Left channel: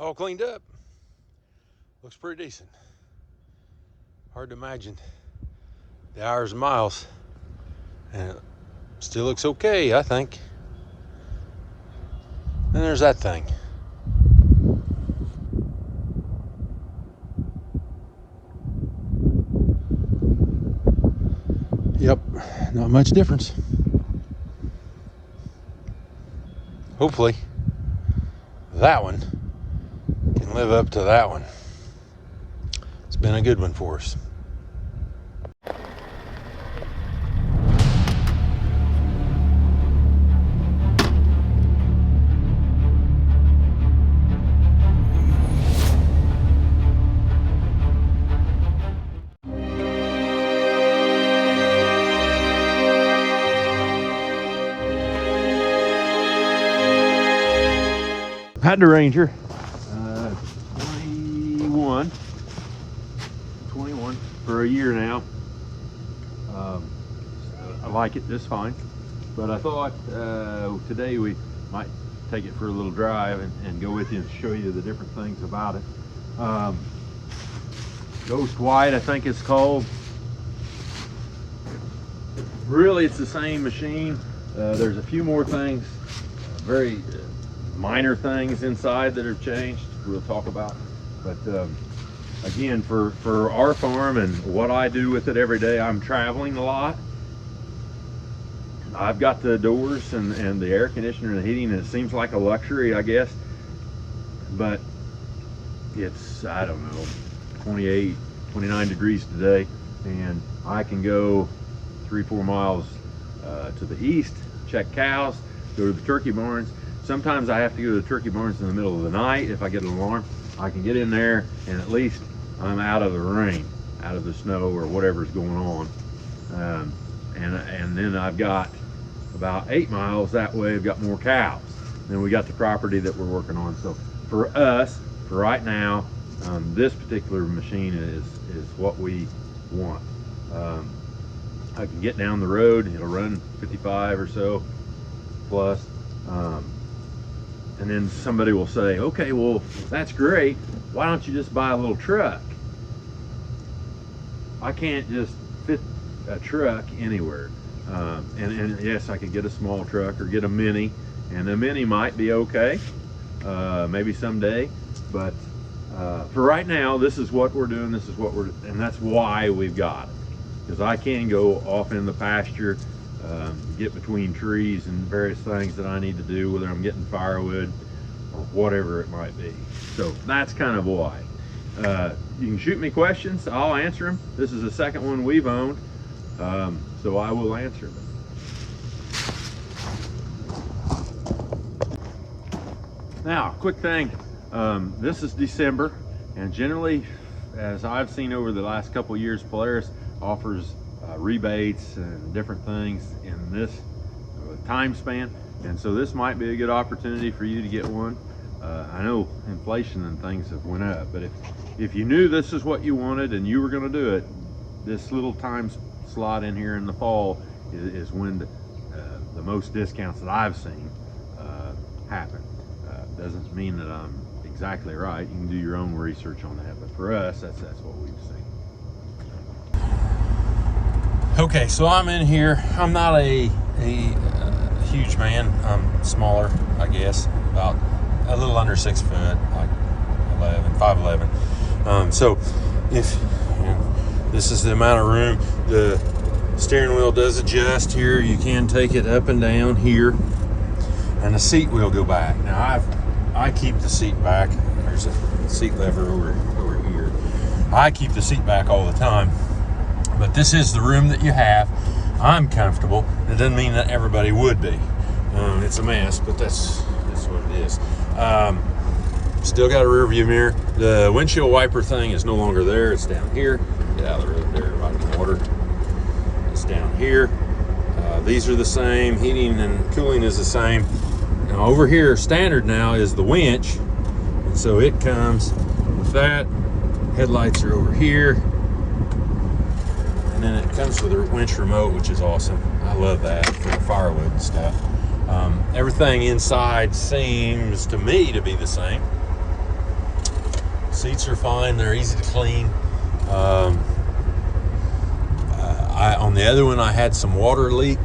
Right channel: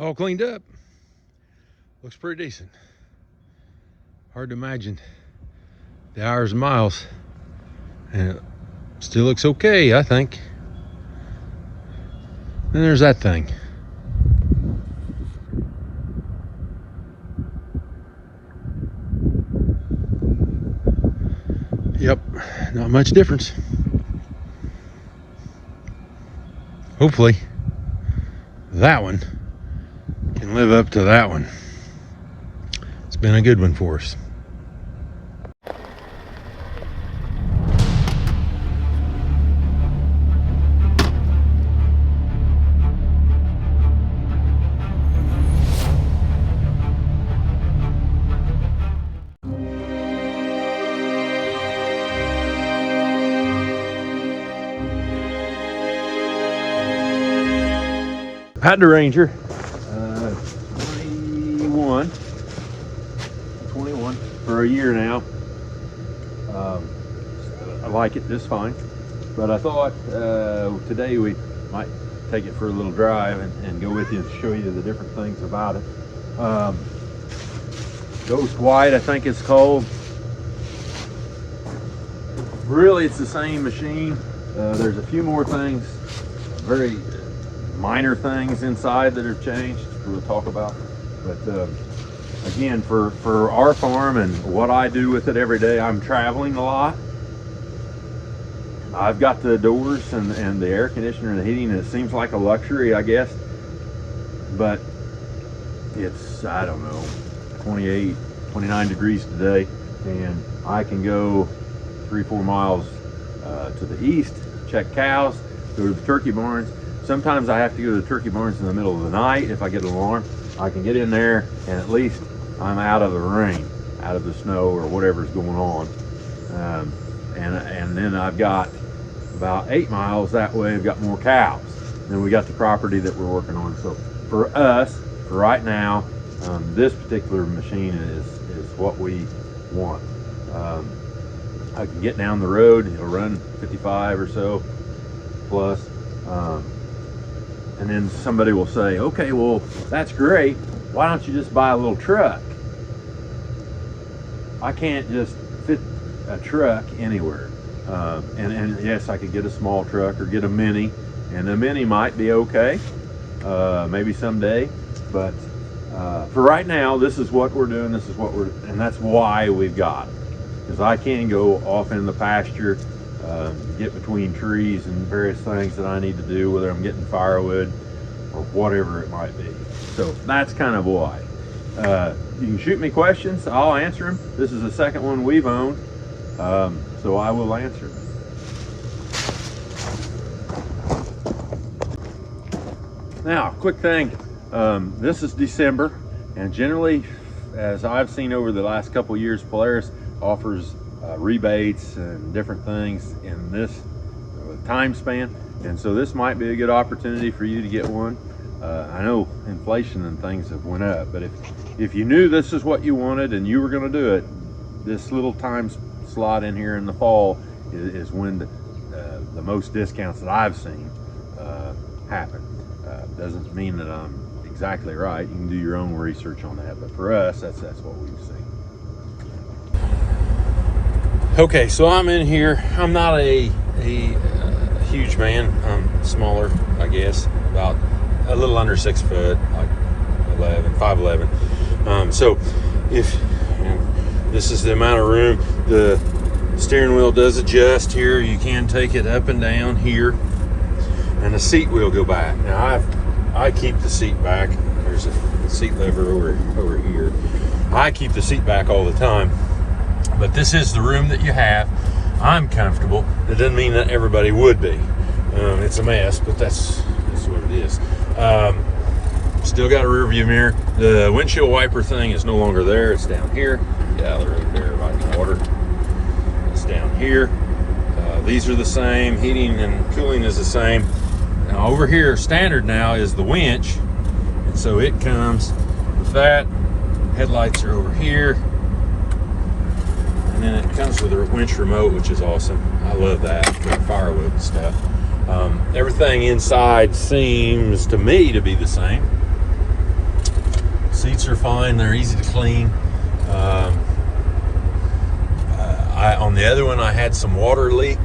all cleaned up. Looks pretty decent. Hard to imagine the hours and miles, and it still looks okay, I think. And there's that thing. Yep, not much difference. Hopefully that one can live up to that one. It's been a good one for us. Had the Ranger 21 for a year now. I like it just fine, but I thought today we might take it for a little drive and go with you and show you the different things about it. Ghost White, I think it's called. Really, it's the same machine. There's a few more things, very minor things inside that have changed we'll talk about, but again, for our farm and what I do with it every day, I'm traveling a lot. I've got the doors and the air conditioner and the heating, and it seems like a luxury, I guess, but it's, I don't know, 28, 29 degrees today, and I can go 3-4 miles to the east, check cows, go to the turkey barns. Sometimes I have to go to the turkey barns in the middle of the night if I get an alarm. I can get in there and at least I'm out of the rain, out of the snow or whatever's going on. And then I've got about 8 miles that way. I've got more cows. Then we got the property that we're working on. So for us, for right now, this particular machine is what we want. I can get down the road, it'll run 55 or so plus. And then somebody will say, okay, well, that's great. Why don't you just buy a little truck? I can't just fit a truck anywhere. And yes, I could get a small truck or get a mini, and the mini might be okay, maybe someday. But for right now, this is what we're doing. This is what and that's why we've got it. Because I can go off in the pasture, get between trees and various things that I need to do, whether I'm getting firewood or whatever it might be. So that's kind of why. You can shoot me questions, I'll answer them. This is the second one we've owned, so I will answer them. Now, quick thing, this is December, and generally, as I've seen over the last couple of years, Polaris offers rebates and different things in this time span, and so this might be a good opportunity for you to get one. I know inflation and things have went up, but if you knew this is what you wanted and you were going to do it, this little time slot in here in the fall is when the most discounts that I've seen happen. Doesn't mean that I'm exactly right. You can do your own research on that, but for us, that's what we've seen. Okay, so I'm in here. I'm not a huge man. I'm smaller, I guess, about a little under 6 foot, like 5'11". So if this is the amount of room, the steering wheel does adjust here. You can take it up and down here, and the seat will go back. Now I keep the seat back. There's a seat lever over here. I keep the seat back all the time. But this is the room that you have. I'm comfortable. That doesn't mean that everybody would be. It's a mess, but that's what it is. Still got a rear view mirror. The windshield wiper thing is no longer there. It's down here. Get out of the road there, right in the water. It's down here. These are the same. Heating and cooling is the same. Now over here, standard now is the winch, and so it comes with that. Headlights are over here. And then it comes with a winch remote, which is awesome. I love that for firewood and stuff. Everything inside seems to me to be the same. Seats are fine. They're easy to clean. On the other one, I had some water leak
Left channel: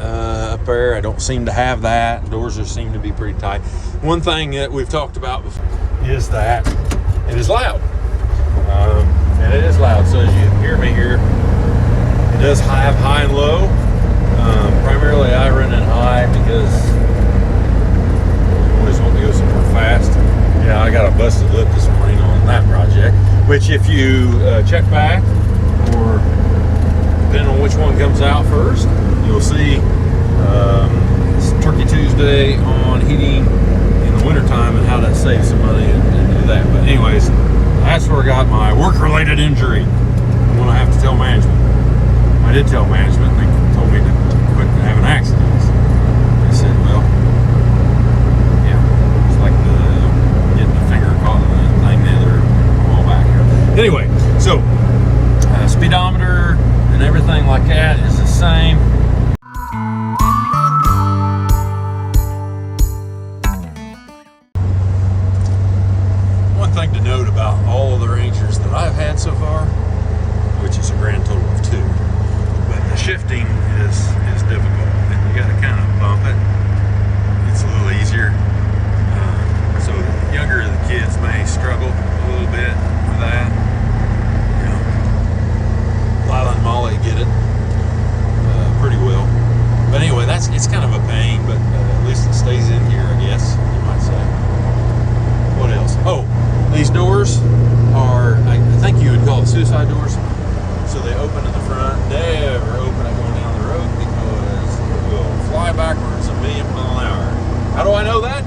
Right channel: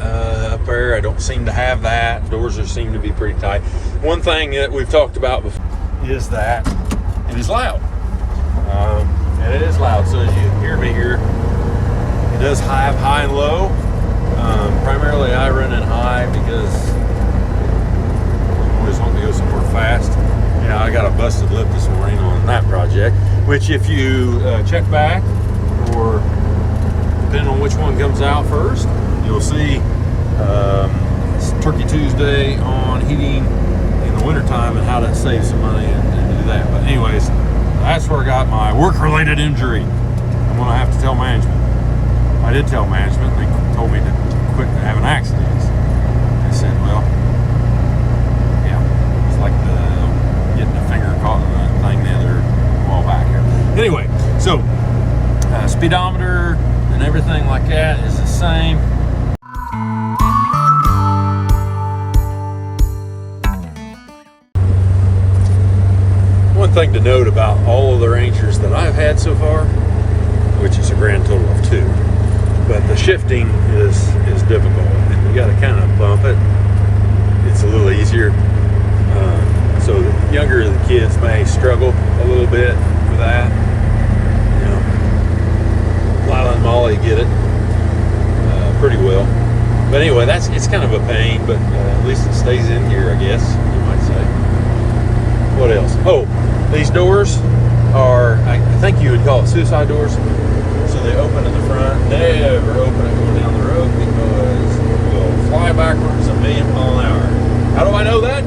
up there. I don't seem to have that. Doors seem to be pretty tight. One thing that we've talked about before is that it is loud. And it is loud. So as you hear me here, it does have high and low. Primarily I run it high because I always want to go somewhere fast. Yeah, I got a busted lip this morning on that project, which if you check back, or depending on which one comes out first, you'll see it's Turkey Tuesday on heating in the wintertime and how that saves some money and do that. But anyways, that's where I got my work-related injury. I'm going to have to tell management. I did tell management. They told me to quit having accidents. They said, well, yeah, it's like getting a finger caught in the thing the other while back here. Anyway, so speedometer and everything like that is the same. One thing to note about all of the Rangers that I've had so far, which is a grand total of 2, but the shifting is difficult, and you got to kind of bump it. It's a little easier. So the younger the kids may struggle a little bit with that. You know, Lila and Molly get it pretty well. But anyway, it's kind of a pain, but at least it stays in here, I guess you might say. What else? Oh, these doors are, I think you would call it suicide doors. So they open at the front, never open it going down the road because it will fly backwards a million mile an hour. How do I know that?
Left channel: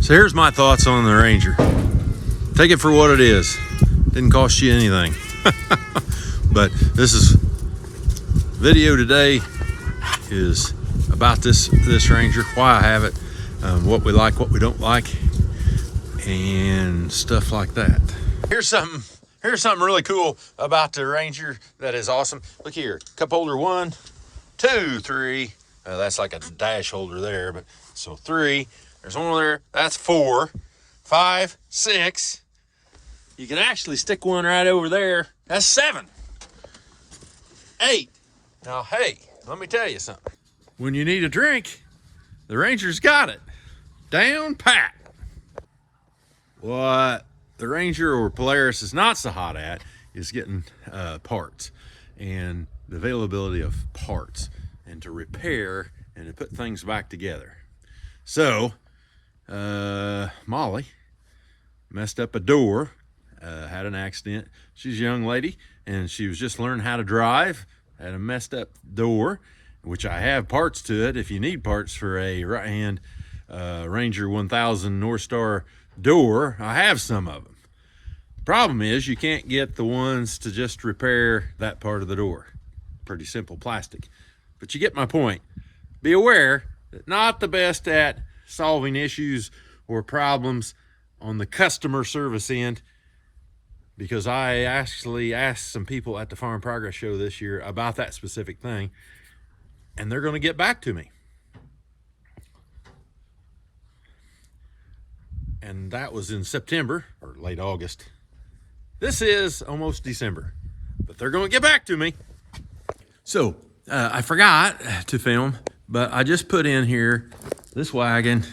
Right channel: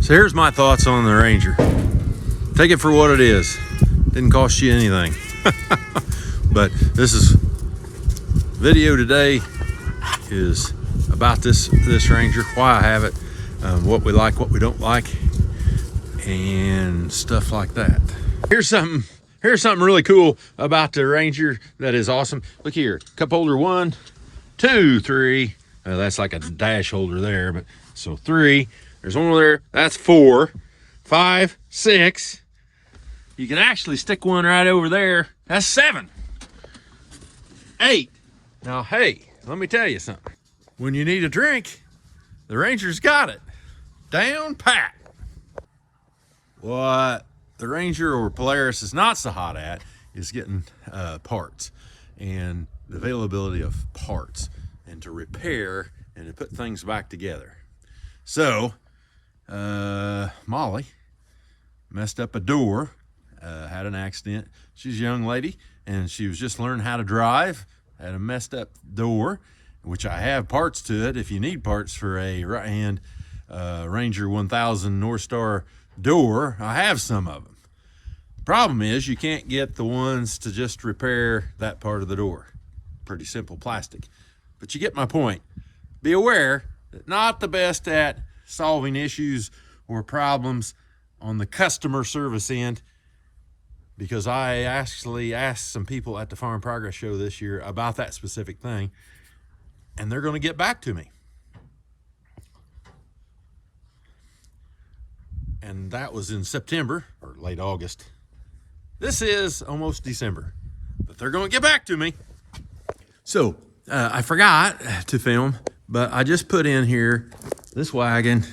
So here's my thoughts on the Ranger. Take it for what it is. Didn't cost you anything. But this video today is about this Ranger, why I have it, what we like, what we don't like, and stuff like that. Here's something really cool about the Ranger that is awesome. Look here, cup holder 1, 2, 3. That's like a dash holder there, but so 3. There's one over there. That's 4, 5, 6. You can actually stick one right over there. That's 7, 8. Now, hey, let me tell you something. When you need a drink, the Ranger's got it. Down pat. What the Ranger or Polaris is not so hot at is getting parts and the availability of parts and to repair and to put things back together. So, Molly messed up a door, had an accident. She's a young lady and she was just learning how to drive, had a messed up door, which I have parts to it if you need parts for a right-hand Ranger 1000 NorthStar door. I have some of them. The problem is you can't get the ones to just repair that part of the door. Pretty simple plastic. But you get my point. Be aware that not the best at solving issues or problems on the customer service end, because I actually asked some people at the Farm Progress Show this year about that specific thing, and they're going to get back to me. And that was in September or late August. This is almost December, but they're going to get back to me. So I forgot to film, but I just put in here this wagon.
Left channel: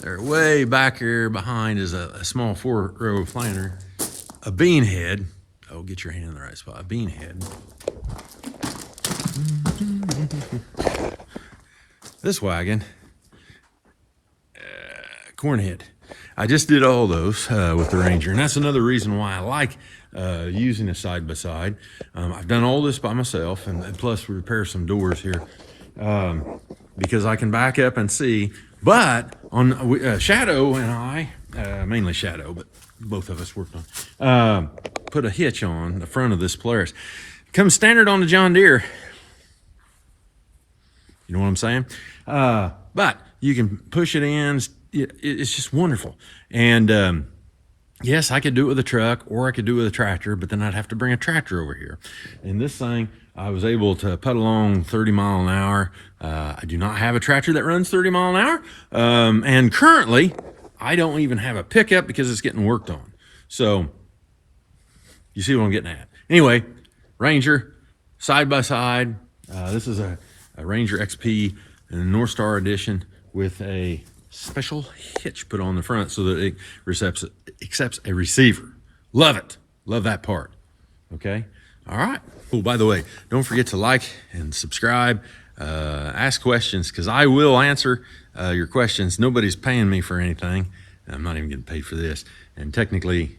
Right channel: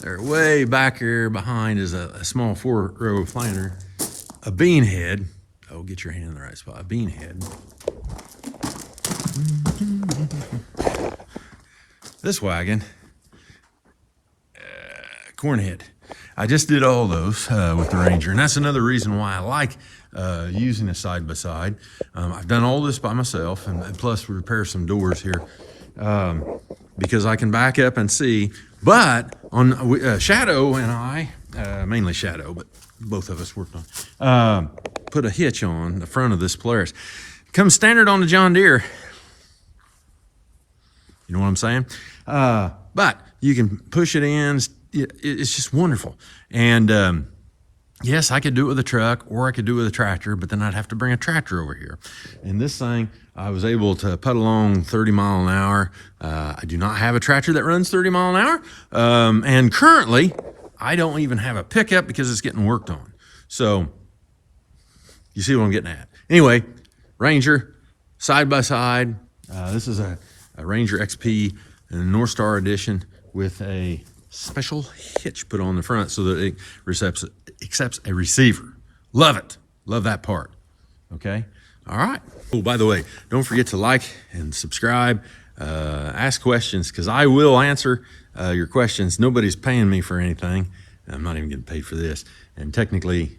They're way back here behind is a small 4-row planter, a bean head. Oh, get your hand in the right spot. A bean head. This wagon, corn head. I just did all those with the Ranger, and that's another reason why I like using a side-by-side. I've done all this by myself, and plus we repair some doors here, because I can back up and see. But on Shadow and I, mainly Shadow, but both of us worked on, put a hitch on the front of this Polaris. Comes standard on the John Deere. You know what I'm saying? But you can push it in. It's just wonderful. And yes, I could do it with a truck or I could do it with a tractor, but then I'd have to bring a tractor over here. And this thing, I was able to put along 30 mile an hour. I do not have a tractor that runs 30 mile an hour. And currently, I don't even have a pickup because it's getting worked on. So you see what I'm getting at. Anyway, Ranger, side by side. This is a Ranger XP NorthStar edition with a special hitch put on the front so that it accepts a receiver. Love it. Love that part. Okay. All right. Oh, by the way, don't forget to like and subscribe. Ask questions because I will answer your questions. Nobody's paying me for anything. I'm not even getting paid for this. And technically,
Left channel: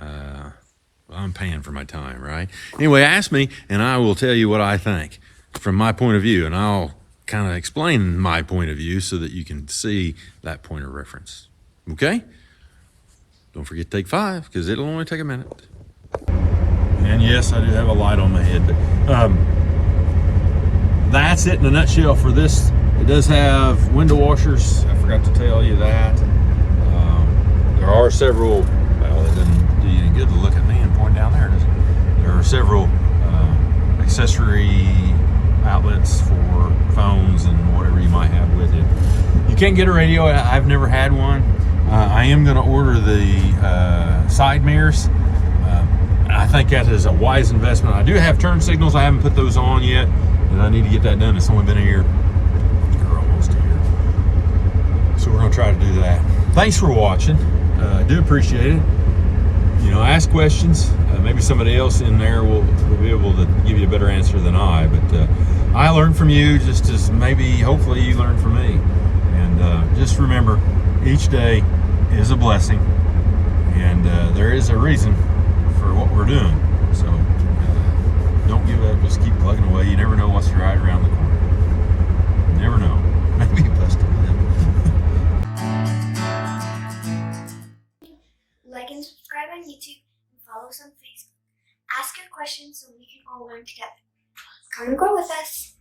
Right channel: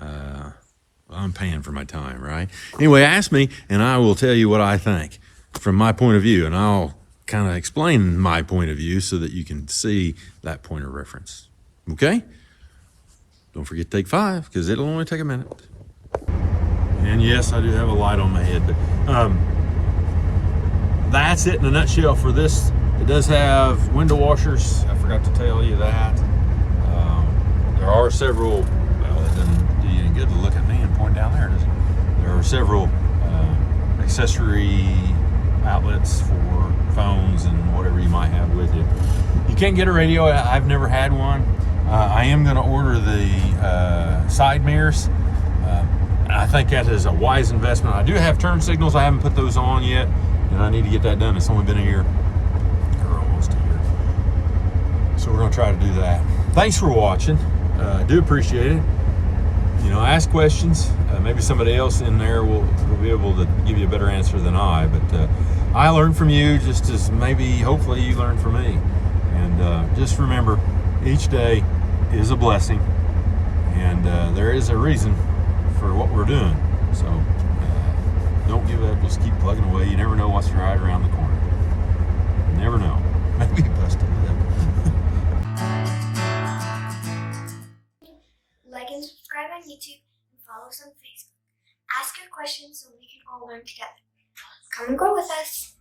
I'm paying for my time, right? Anyway, ask me and I will tell you what I think from my point of view. And I'll kind of explain my point of view so that you can see that point of reference. Okay? Don't forget to take 5 because it'll only take a minute. And yes, I do have a light on my head, but that's it in a nutshell for this. It does have window washers. I forgot to tell you that. There are several, well, it doesn't do you any good to look at me and point down there, does it? There are several accessory outlets for phones and whatever you might have with you. You can't get a radio. I've never had one. I am going to order the side mirrors. I think that is a wise investment. I do have turn signals. I haven't put those on yet, and I need to get that done. It's only been a year. Or almost a year. So we're going to try to do that. Thanks for watching. I do appreciate it. You know, ask questions. Maybe somebody else in there will be able to give you a better answer than I. But I learned from you just as maybe, hopefully, you learned from me. And just remember, each day is a blessing, and there is a reason for what we're doing. So don't give up. Just keep plugging away. You never know what's right around the corner. You never know. Maybe you bust a lip. Like and subscribe on YouTube and follow us on Facebook. Ask your questions so we can all learn together. Come and grow with us.